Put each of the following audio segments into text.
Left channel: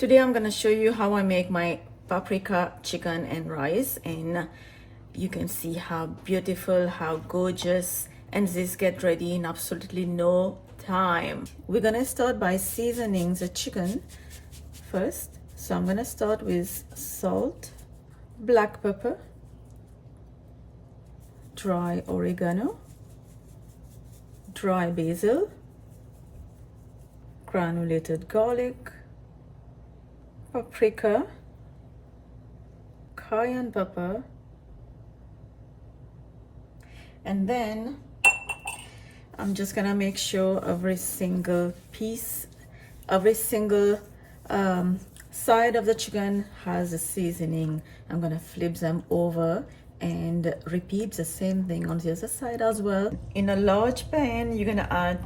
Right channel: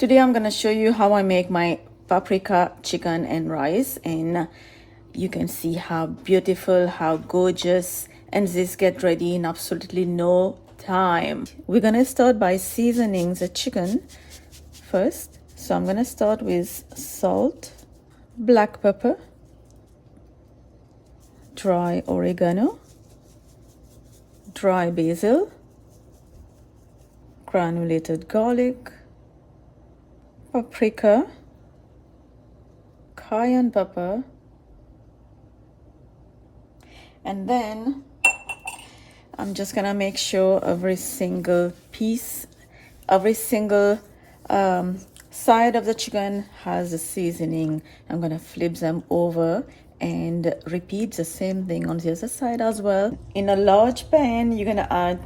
Today I'm gonna show you how I make my paprika chicken and rice, and you can see how beautiful, how gorgeous, and this get ready in absolutely no time. We're gonna start by seasoning the chicken first. So I'm gonna start with salt, black pepper, dry oregano, dry basil, granulated garlic, paprika, cayenne pepper, and then I'm just gonna make sure every single piece, every single side of the chicken has a seasoning. I'm gonna flip them over and repeat the same thing on the other side as well. In a large pan, you're gonna add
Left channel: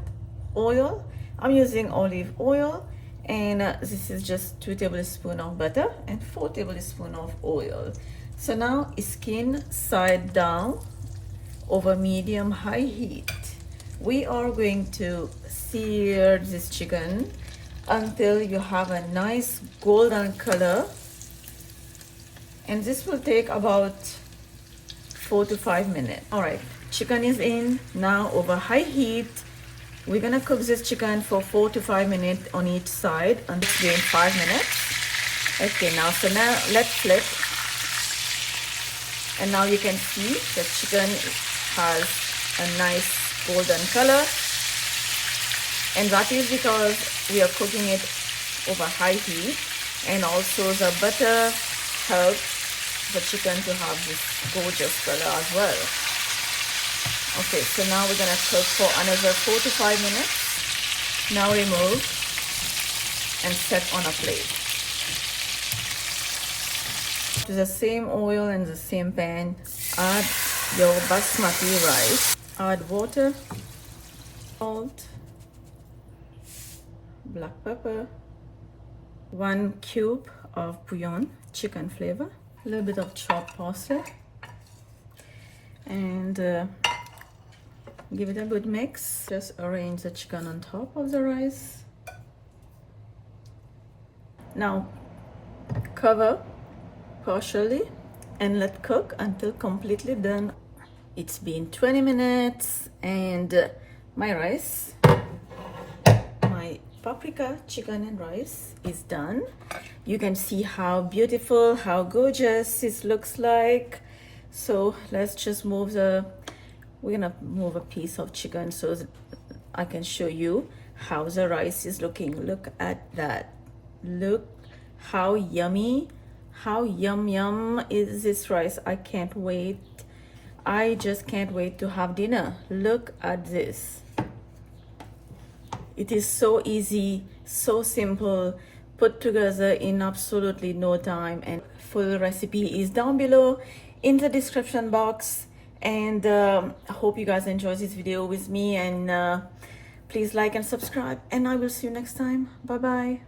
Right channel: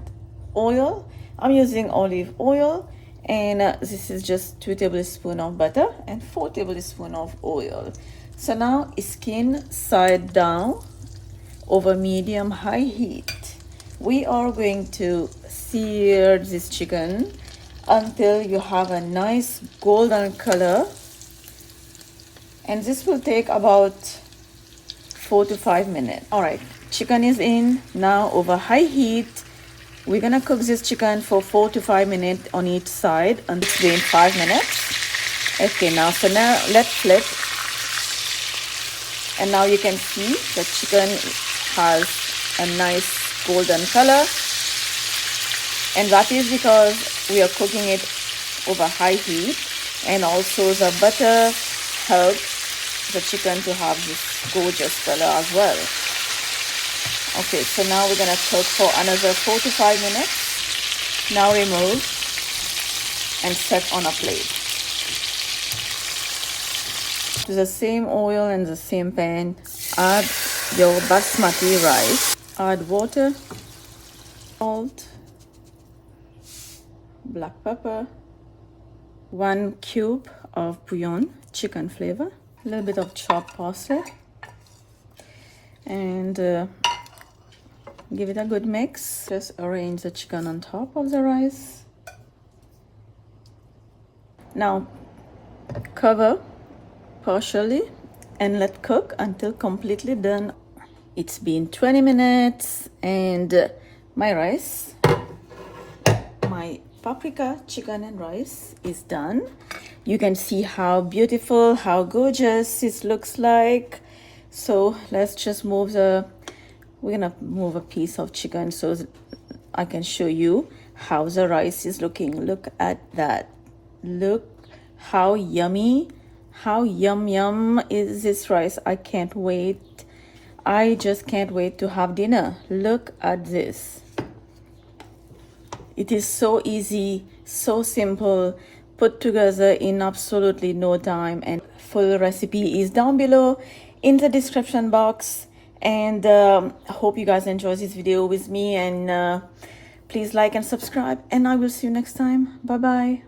oil. I'm using olive oil, and this is just 2 tablespoons of butter and 4 tablespoons of oil. So now skin side down over medium high heat. We are going to sear this chicken until you have a nice golden color, and this will take about 4 to 5 minutes. All right, chicken is in now over high heat. We're gonna cook this chicken for 4 to 5 minutes on each side, and it's been 5 minutes. Okay, now so now let's flip, and now you can see the chicken has a nice golden color, and that is because we are cooking it over high heat, and also the butter helps the chicken to have this gorgeous color as well. Okay, so now we're gonna cook for another 4 to 5 minutes. Now remove and set on a plate. To the same oil and the same pan, add your basmati rice. Add water, salt, black pepper, 1 cube of bouillon, chicken flavor, a little bit of chopped parsley, and give it a good mix. Just arrange the chicken on top of the rice. Now cover partially and let cook until completely done. It's been 20 minutes and my rice, my paprika chicken and rice is done. You can see how beautiful, how gorgeous it looks like. So let's just move we're gonna move a piece of chicken so I can show you how the rice is looking. Look at that. Look how yummy, how yum is this rice. I can't wait. I just can't wait to have dinner. Look at this. It is so easy, so simple, put together in absolutely no time, and full recipe is down below in the description box. And I hope you guys enjoy this video with me, and please like and subscribe, and I will see you next time. Bye bye.